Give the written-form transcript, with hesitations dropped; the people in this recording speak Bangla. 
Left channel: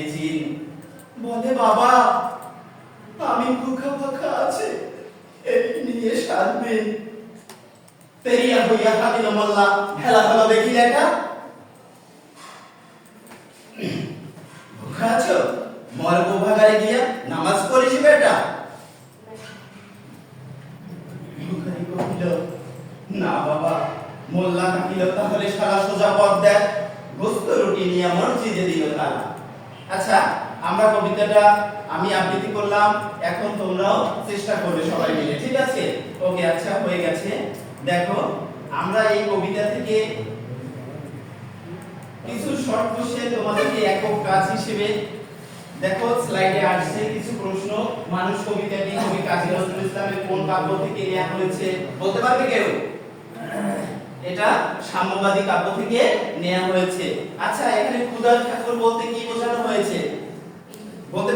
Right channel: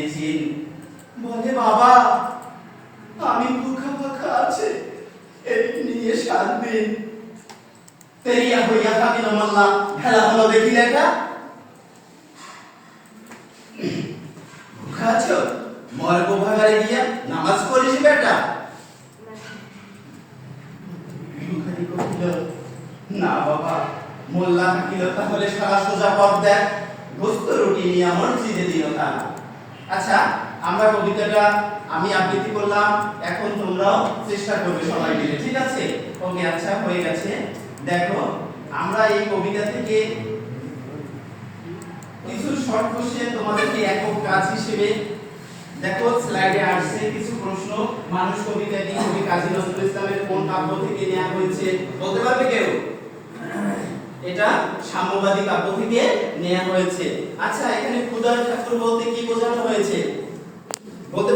মেডিসিন। বলে বাবা আমি ভুখা ফাঁকা আছে এই নিয়ে 7 দিন তেরিয়া হইয়া থাকিল মোল্লা। খেলা হলো দেখি দেখা। ভুখা আছো? মর্গ ভাগারে গিয়া নামাজ পড়িস বেটা। ভিখারি কহিল না বাবা। মোল্লা থাকিল তাহলে সারা সোজা পথ দেয়, গোস্ত রুটি নিয়ে মসজিদে দিও তা না। আচ্ছা আমরা কবিতাটা আমি আবৃত্তি করলাম, এখন তোমরাও চেষ্টা করবে সবাই মিলে, ঠিক আছে? ওকে আচ্ছা হয়ে গেছে। দেখো আমরা এই কবিতা থেকে কিছু শর্ট কোশ্চেন তোমাদেরকে একক কাজ হিসেবে, দেখো স্লাইডে আসছে কিছু প্রশ্ন। মানুষ কবিতাটি কবি কাজী নজরুল ইসলামের কোন কাব্য থেকে নেওয়া হয়েছে বলতে পারবে কেউ? এটা সাম্যবাদী কাব্য থেকে নেওয়া হয়েছে। আচ্ছা এখানে ক্ষুধার ঠাকুর বলতে কি বোঝানো হয়েছে বলতে